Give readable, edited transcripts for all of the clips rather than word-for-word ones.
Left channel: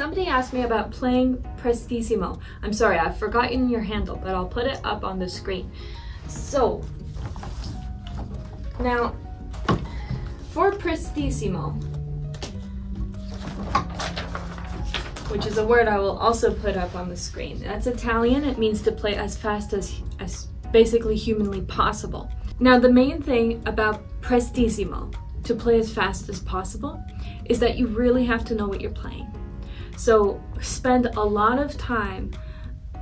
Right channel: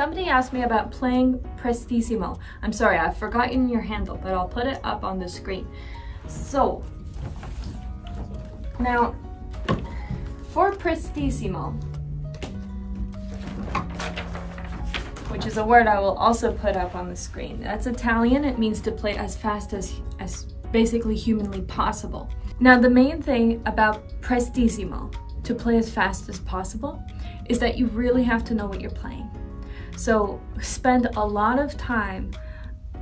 somebody asked me about playing Prestissimo. I'm sorry, I've forgotten your handle, but I'll put it up on the screen. So, now, for Prestissimo, which is a word I will also put up on the screen. That's Italian. It means to play as fast as basically humanly possible. Now, the main thing about Prestissimo, to play as fast as possible, is that you really have to know what you're playing. So spend a lot of time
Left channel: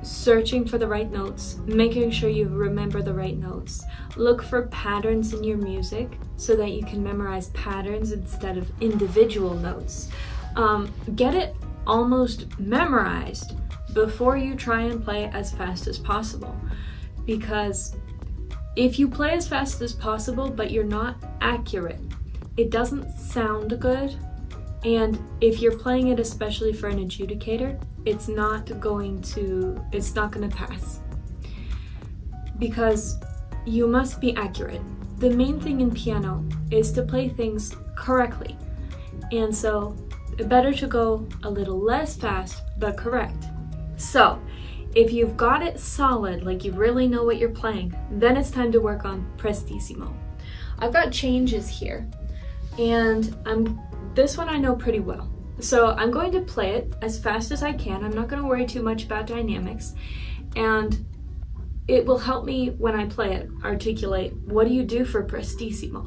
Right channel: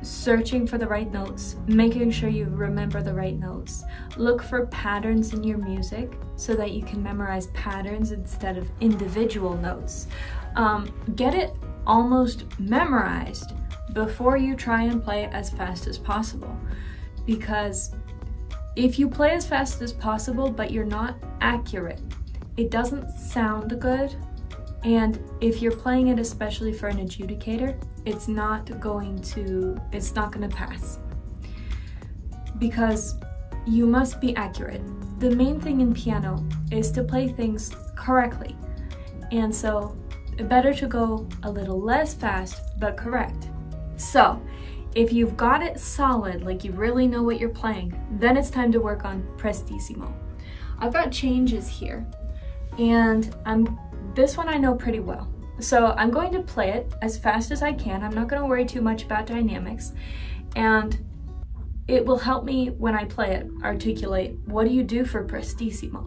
searching for the right notes, making sure you remember the right notes. Look for patterns in your music so that you can memorize patterns instead of individual notes. Get it almost memorized before you try and play as fast as possible. Because if you play as fast as possible but you're not accurate, it doesn't sound good. And if you're playing it especially for an adjudicator, it's not going to pass. Because you must be accurate. The main thing in piano is to play things correctly. And so, better to go a little less fast, but correct. So, if you've got it solid, like you really know what you're playing, then it's time to work on Prestissimo. I've got changes here, and this one I know pretty well. So I'm going to play it as fast as I can. I'm not going to worry too much about dynamics, and it will help me when I play it articulate what do you do for Prestissimo.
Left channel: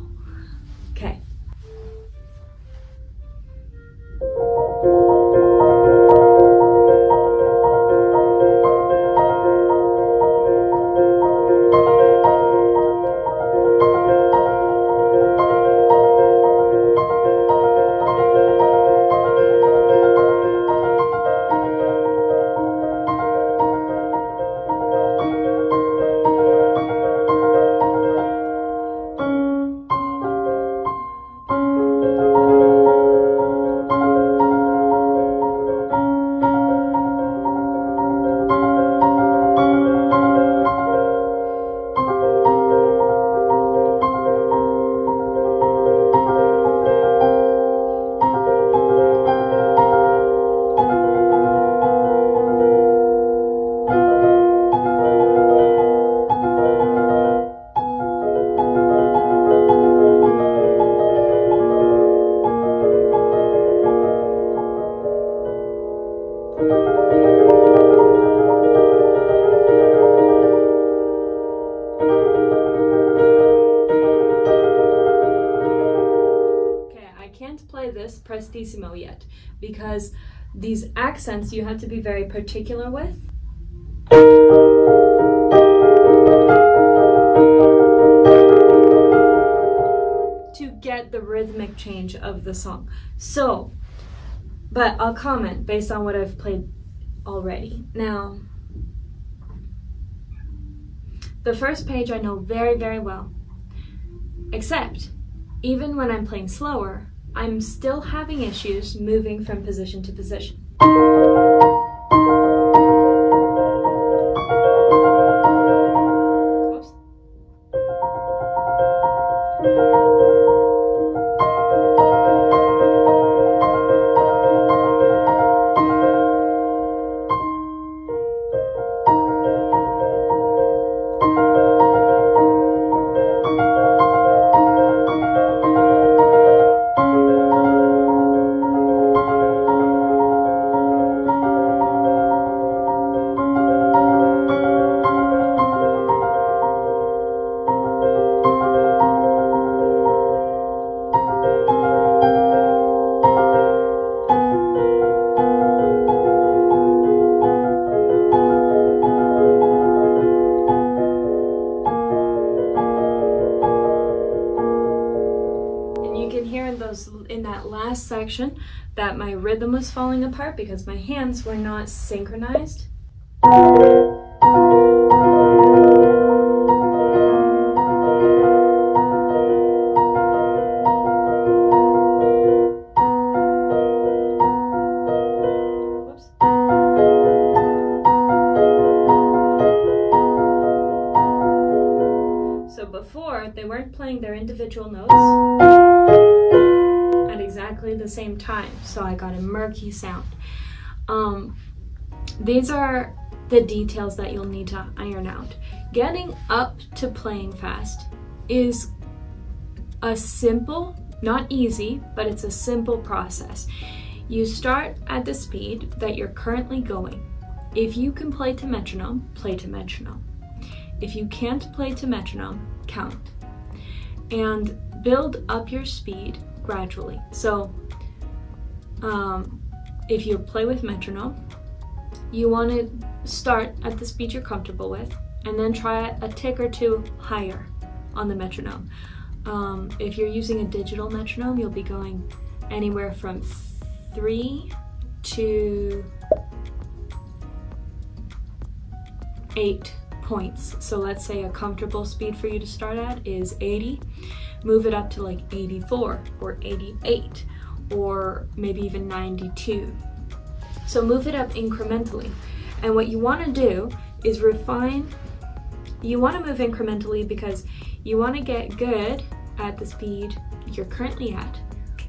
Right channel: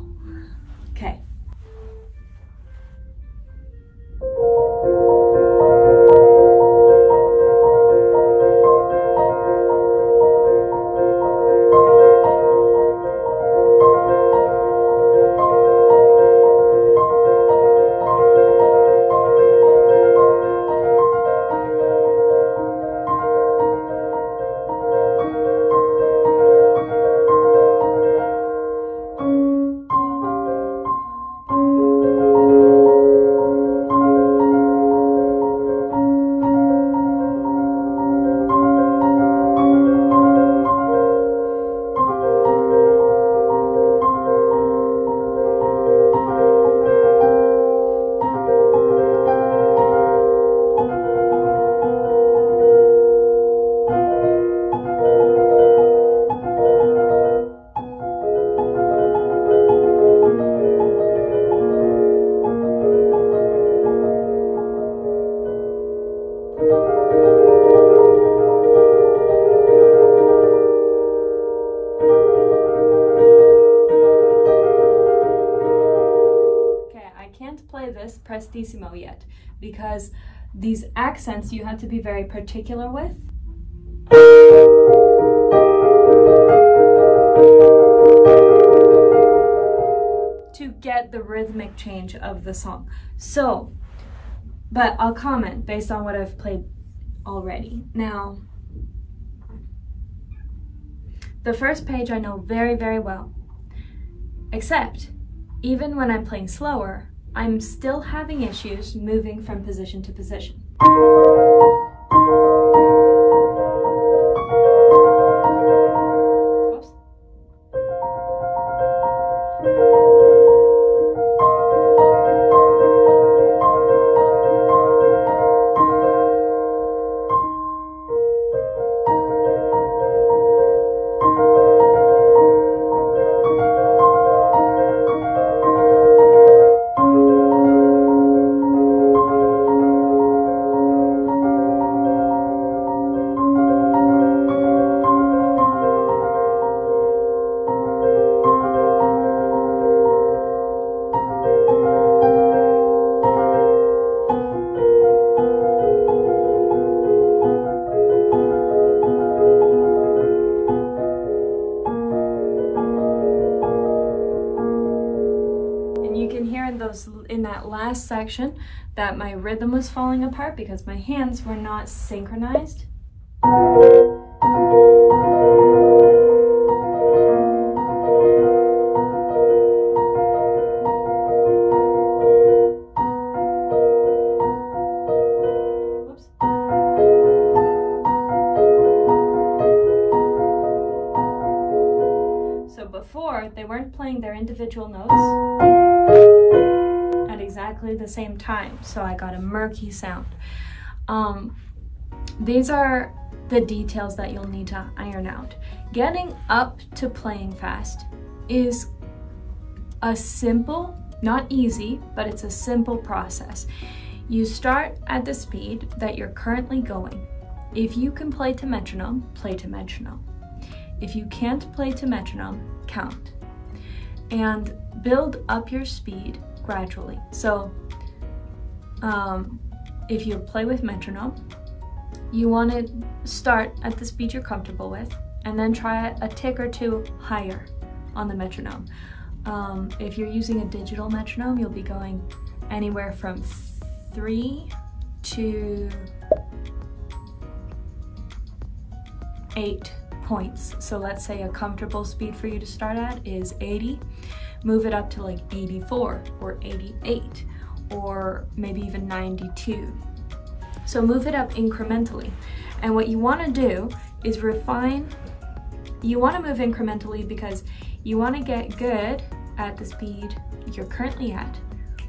Okay. This Prestissimo yet because these accents you have to be very particular with. To get the rhythmic change of the song. So, but I'll comment based on what I've played already. Now, the first page I know very, very well, except even when I'm playing slower, I'm still having issues moving from position to position. Whoops. In that last section that my rhythm was falling apart because my hands were not synchronized. Whoops. So before, they weren't playing their individual notes exactly the same time, so I got a murky sound. These are the details that you'll need to iron out. Getting up to playing fast is a simple, not easy, but it's a simple process. You start at the speed that you're currently going. If you can play to metronome, play to metronome. If you can't play to metronome, count. And build up your speed gradually. So if you play with metronome, you want to start at the speed you're comfortable with and then try a tick or two higher on the metronome. If you're using a digital metronome, you'll be going anywhere from 3 to 8 points. So let's say a comfortable speed for you to start at is 80. Move it up to like 84 or 88 or maybe even 92. So move it up incrementally. And what you want to do is refine. You want to move incrementally because you want to get good at the speed you're currently at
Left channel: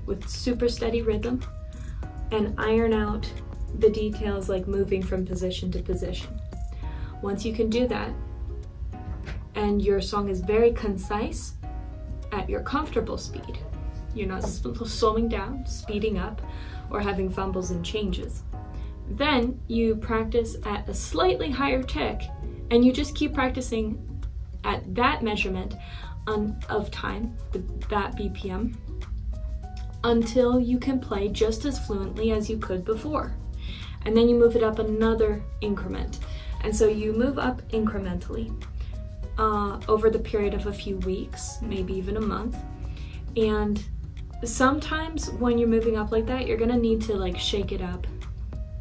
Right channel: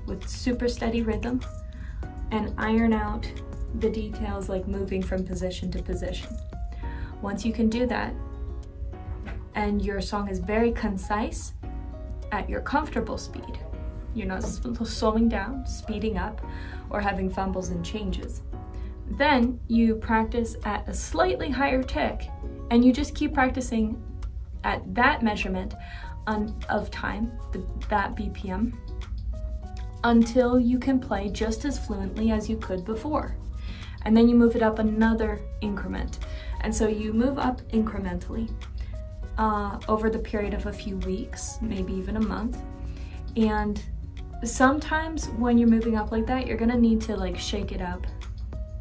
with super steady rhythm and iron out the details like moving from position to position. Once you can do that and your song is very concise at your comfortable speed, you're not slowing down, speeding up, or having fumbles and changes, then you practice at a slightly higher tick and you just keep practicing at that measurement of time, that BPM, until you can play just as fluently as you could before. And then you move it up another increment. And so you move up incrementally over the period of a few weeks, maybe even a month. And sometimes when you're moving up like that, you're gonna need to like shake it up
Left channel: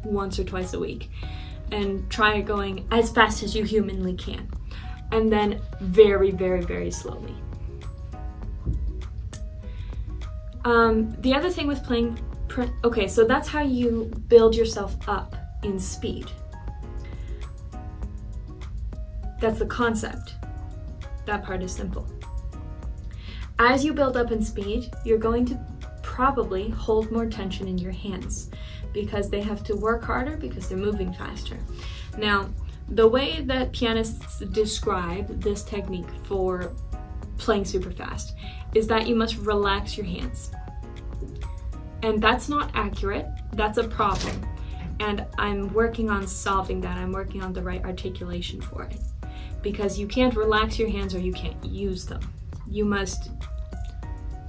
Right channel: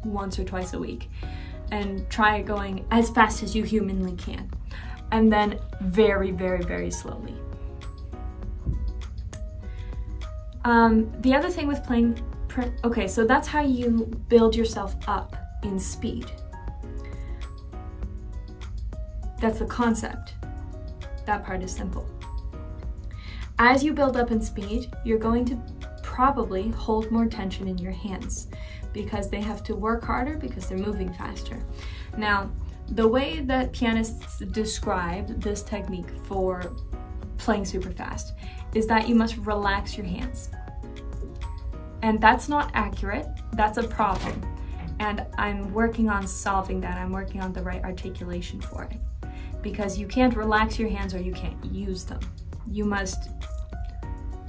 once or twice a week and try going as fast as you humanly can. And then very, very, very slowly. The other thing with playing, okay, so that's how you build yourself up in speed. That's the concept. That part is simple. As you build up in speed, you're going to probably hold more tension in your hands because they have to work harder because they're moving faster. Now, the way that pianists describe this technique for playing super fast is that you must relax your hands. And that's not accurate, that's a problem. And I'm working on solving that. I'm working on the right articulation for it. Because you can't relax your hands or you can't use them. You must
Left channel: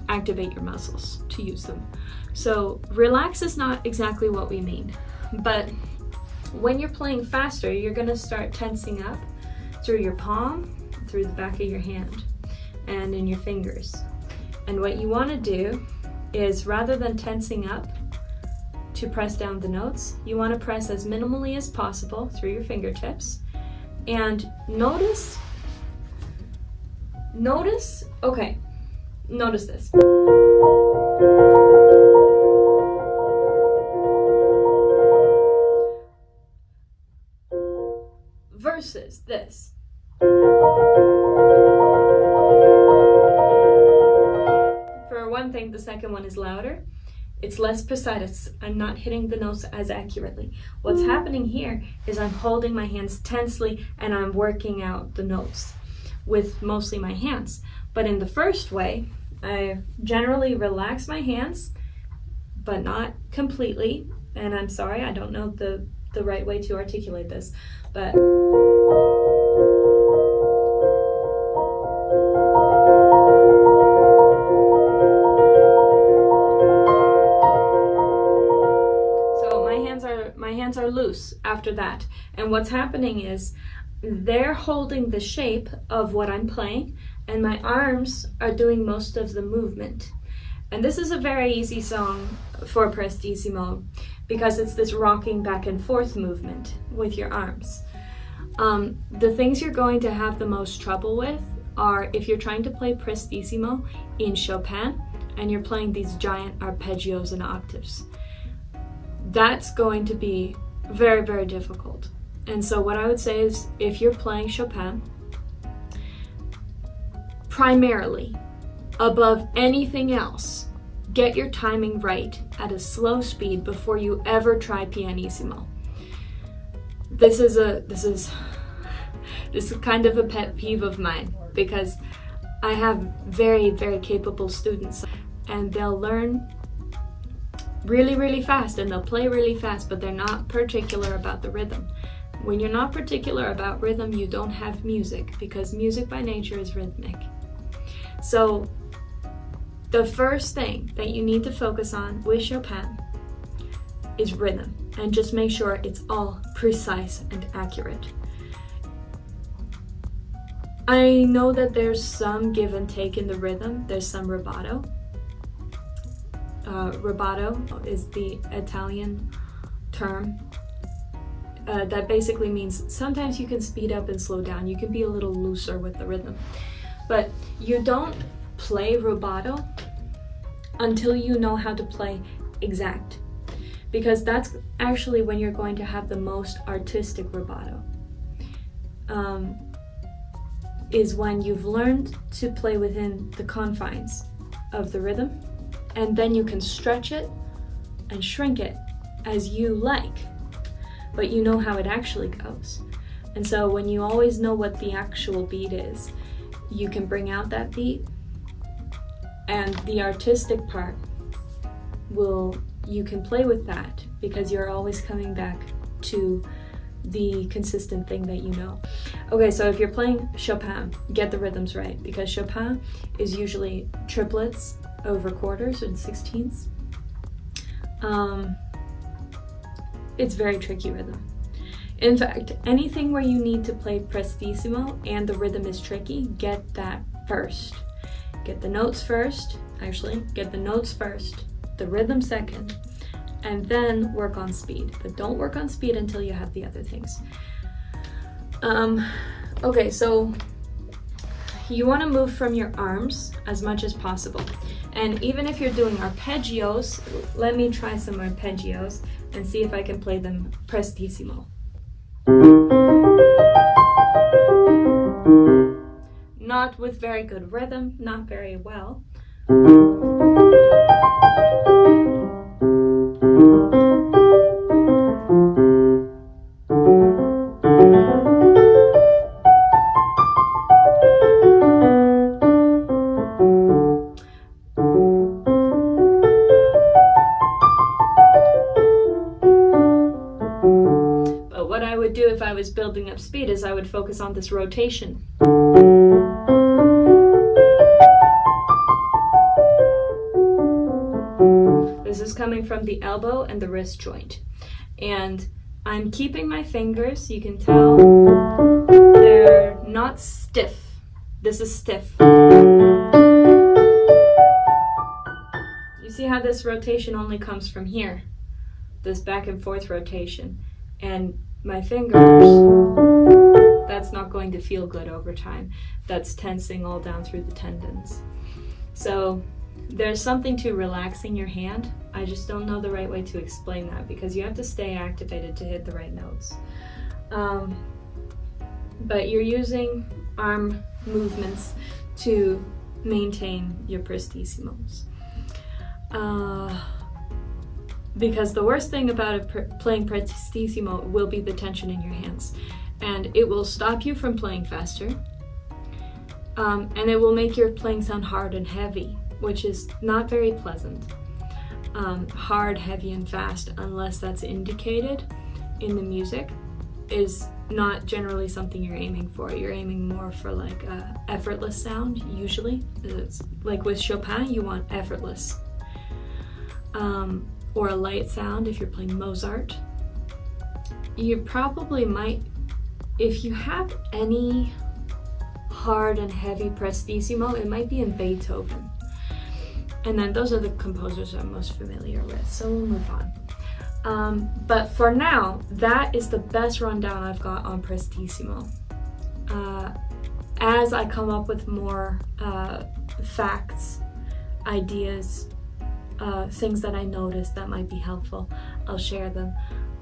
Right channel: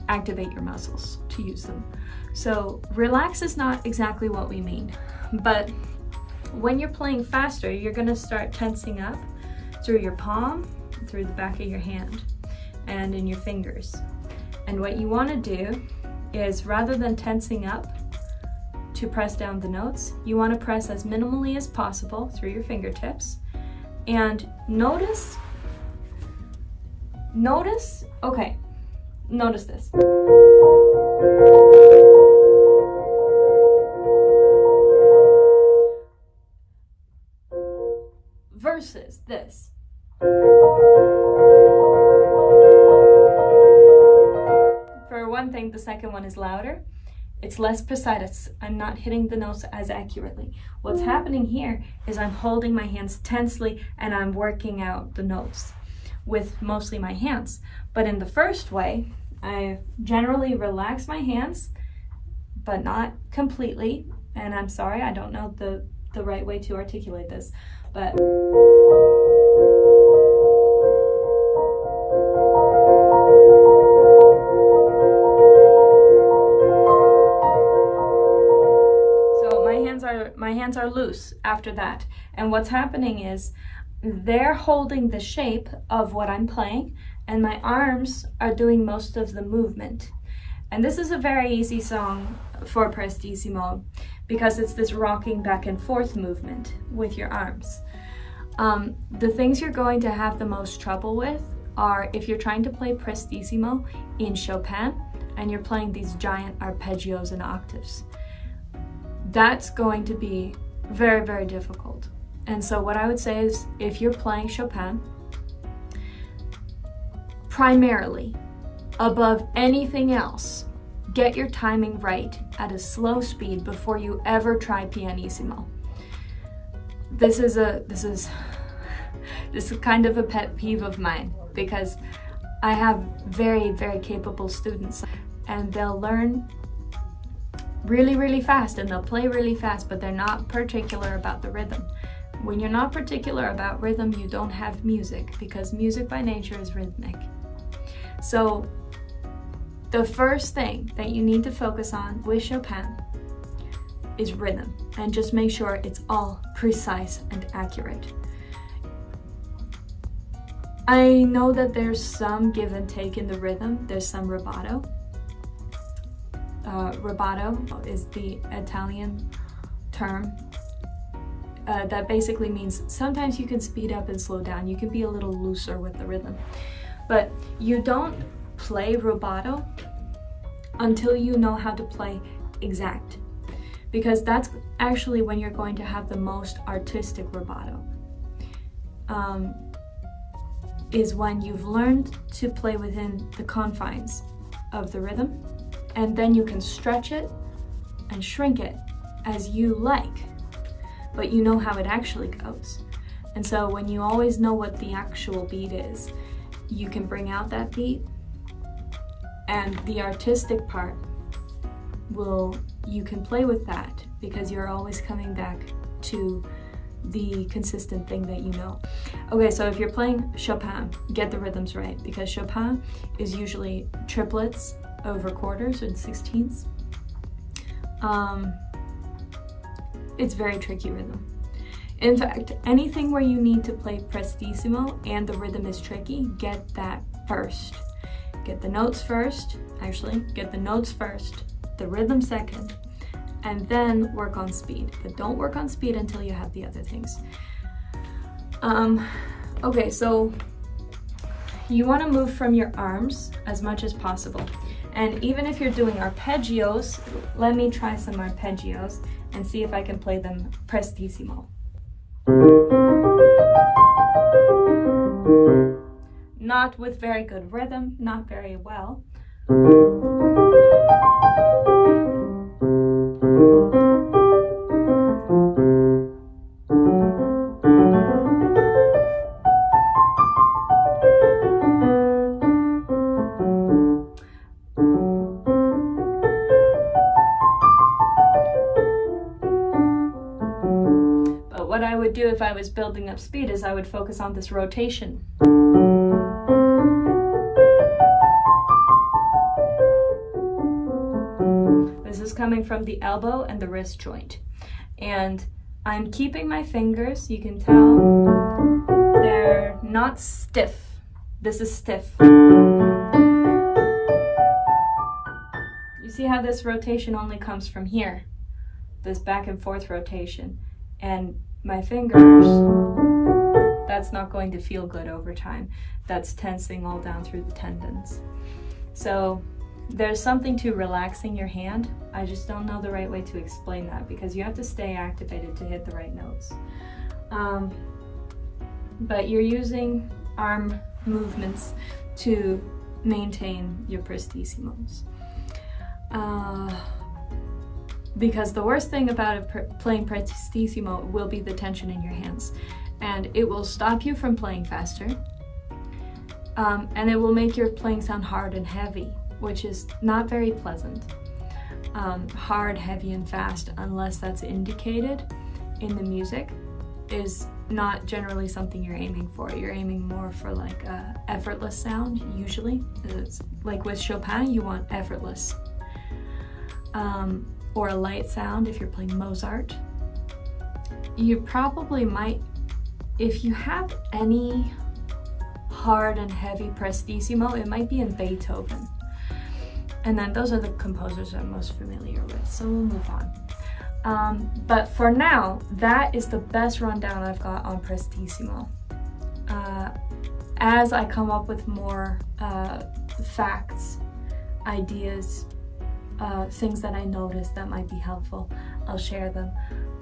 activate your muscles to use them. So relax is not exactly what we mean, but when you're playing faster, you're gonna start tensing up through your palm, through the back of your hand, and in your fingers. And what you wanna do is rather than tensing up to press down the notes, you wanna press as minimally as possible through your fingertips. And notice okay, notice this. Versus this. For one thing, the second one is louder. It's less precise. I'm not hitting the notes as accurately. What's happening here is I'm holding my hands tensely and I'm working out the notes with mostly my hands. But in the first way, I generally relax my hands, but not completely. And I'm sorry, I don't know the right way to articulate this, but my hands are loose after that. And what's happening is they're holding the shape of what I'm playing and my arms are doing most of the movement. And this is a very easy song for Prestissimo because it's this rocking back and forth movement with your arms. The things you're going to have the most trouble with are if you're trying to play Prestissimo in Chopin and you're playing these giant arpeggios and octaves. That's going to be very, very difficult. And so what I would say is if you're playing Chopin, primarily, above anything else, get your timing right at a slow speed before you ever try pianissimo. This is kind of a pet peeve of mine, because I have very, very capable students, and they'll learn really, really fast and they'll play really fast, but they're not particular about the rhythm. When you're not particular about rhythm, you don't have music, because music by nature is rhythmic. So the first thing that you need to focus on with Chopin is rhythm, and just make sure it's all precise and accurate. I know that there's some give and take in the rhythm. There's some rubato. Rubato is the Italian term that basically means sometimes you can speed up and slow down. You can be a little looser with the rhythm. But you don't play rubato until you know how to play exact, because that's actually when you're going to have the most artistic rubato. Is when you've learned to play within the confines of the rhythm, and then you can stretch it and shrink it as you like, but you know how it actually goes. And so when you always know what the actual beat is, you can bring out that beat, and the artistic part you can play with that, because you're always coming back to the consistent thing that you know. Okay, so if you're playing Chopin, get the rhythms right, because Chopin is usually triplets over quarters and sixteenths. It's very tricky rhythm. In fact, anything where you need to play Prestissimo and the rhythm is tricky, get that first. Get the notes first, get the notes first, the rhythm second, and then work on speed. But don't work on speed until you have the other things. Okay, so you want to move from your arms as much as possible. And even if you're doing arpeggios, let me try some arpeggios and see if I can play them Prestissimo. Not with very good rhythm, not very well. But what I would do if I was building up speed is I would focus on this rotation. This is coming from the elbow and the wrist joint. And I'm keeping my fingers, you can tell they're not stiff. This is stiff. You see how this rotation only comes from here? This back and forth rotation. And my fingers, that's not going to feel good over time. That's tensing all down through the tendons. So there's something to relaxing your hand. I just don't know the right way to explain that, because you have to stay activated to hit the right notes. But you're using arm movements to maintain your Prestissimos. Because the worst thing about playing Prestissimo will be the tension in your hands. And it will stop you from playing faster. And it will make your playing sound hard and heavy, which is not very pleasant. Hard, heavy, and fast, unless that's indicated in the music, is not generally something you're aiming for. You're aiming more for like a effortless sound, usually. It's like with Chopin, you want effortless. Or a light sound if you're playing Mozart. You probably might, if you have any hard and heavy Prestissimo, it might be in Beethoven. And then those are the composers I'm most familiar with, so we'll move on. But for now, that is the best rundown I've got on Prestissimo. As I come up with more facts, ideas, things that I noticed that might be helpful, I'll share them.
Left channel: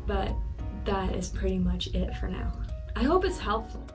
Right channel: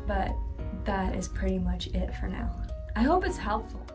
But that is pretty much it for now. I hope it's helpful.